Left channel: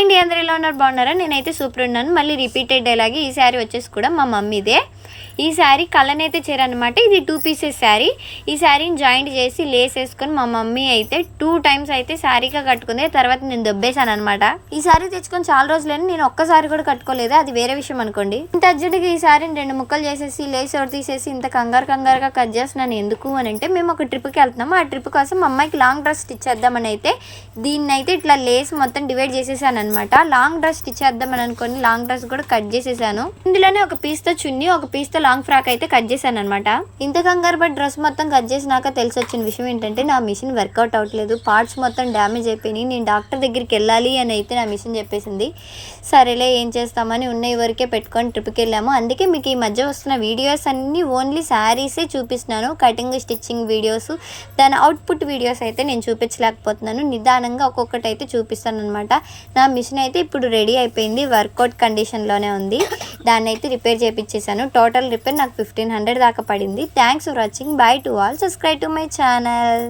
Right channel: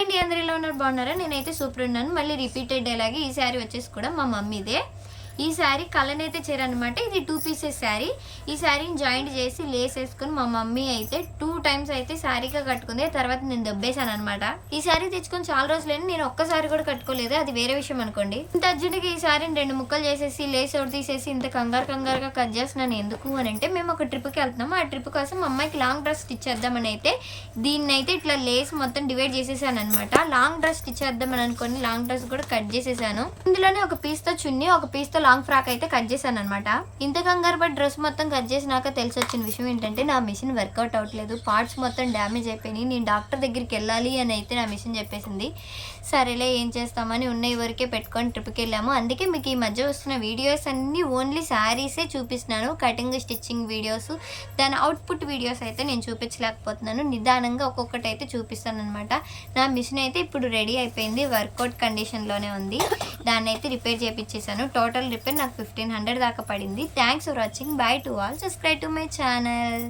ఏంటి అందరూ ఎలా ఉన్నారు, బాగున్నారా? నేనైతే సూపర్ ఉన్నాను. మళ్ళీ రిపీటెడ్ డైలాగ్. ఈ శారీ వచ్చేసి కూడా మా మమ్మీదే. ఈ శారీ కలనైతే చీర అనమాట. ఇది 2 పీసెస్ శారీ. ఈ శారీని జాయింట్ చేసి లేస్ వేసుకొని మా మమ్మీ అయితే 2 టైమ్స్ అయితే శారీగా కట్టుకుంది. తర్వాత నేను దొబ్బేశాను అనమాట. ఈ శారీ తెచ్చుకొని చాలా రోజులని నేను ఒక్కసారి కూడా కట్టుకోలేదు, అది వేరే విషయం అనుకోండి. ఇంత అర్జెంట్గా ఈ శారీని 2 ముక్కలు చేసేసి లేస్ ఒకటి తీసేసి ఇంత కంగారుగా కట్ చేస్తున్నాను. ఎందుకు అని అంటే మేము ఒక ట్రిప్కి వెళ్తున్నాము. ఆ ట్రిప్ కోసం మా అమ్మాయికి లాంగ్ డ్రెస్ స్టిచ్ చేద్దామని అయితే దీన్ని అయితే ఇట్లా లేస్ మొత్తం డివైడ్ చేసేసాను అనమాట. లాంగ్ డ్రెస్ స్టిచ్ చేద్దామని అనుకోని లాంగ్ డ్రెస్ కూడా కట్ చేసేసాను. ఇందులోనే ఒక పీస్తో చున్నీ, ఒక పీస్తో లాంగ్ ఫ్రాక్ అయితే కట్ చేశాను అనమాట. ఇంత కంగారు బట్ డ్రెస్ మొత్తం కట్ చేసినాక తెలిసి వచ్చిన విషయం ఏంటంటే నా మిషన్ వర్కౌట్ అవ్వట్లేదు, పార్ట్స్ మొత్తం డ్యామేజ్ అయిపోయినాయి. నేను డాక్టర్ దగ్గరికి వెళ్ళాలి అని అయితే నా మిషన్ చెప్పేసింది. సరేలే ఏం చేస్తామని ఉన్న వరకే పెట్టుకొని ట్రిప్కి వెళ్ళాము. అందుకే మీకు ఈ మధ్య వస్తున్న వీడియోస్ అన్నీ ఓన్లీ శారీసే చూపిస్తున్నాను. కటింగ్ స్టిచ్చింగ్ వీడియోస్, దాని అవుట్పుట్ వీడియోస్ అయితే నేను చూపించలేకపోతున్నాను. నిదానంగా ఒక్కొక్కటి అయితే చూపిస్తాను అనమాట. నా మిషన్ అయితే ఇప్పుడు రెడీ అయిపోయింది, వర్కౌట్ కండిషన్లోనే ఉంది. దాన్ని అయితే రిపేర్ చేయించేసాను. టోటల్ రిపేర్ నాకు 1500 దాకా పడింది. Thanks for watching. By to all. Subscribe to my channel.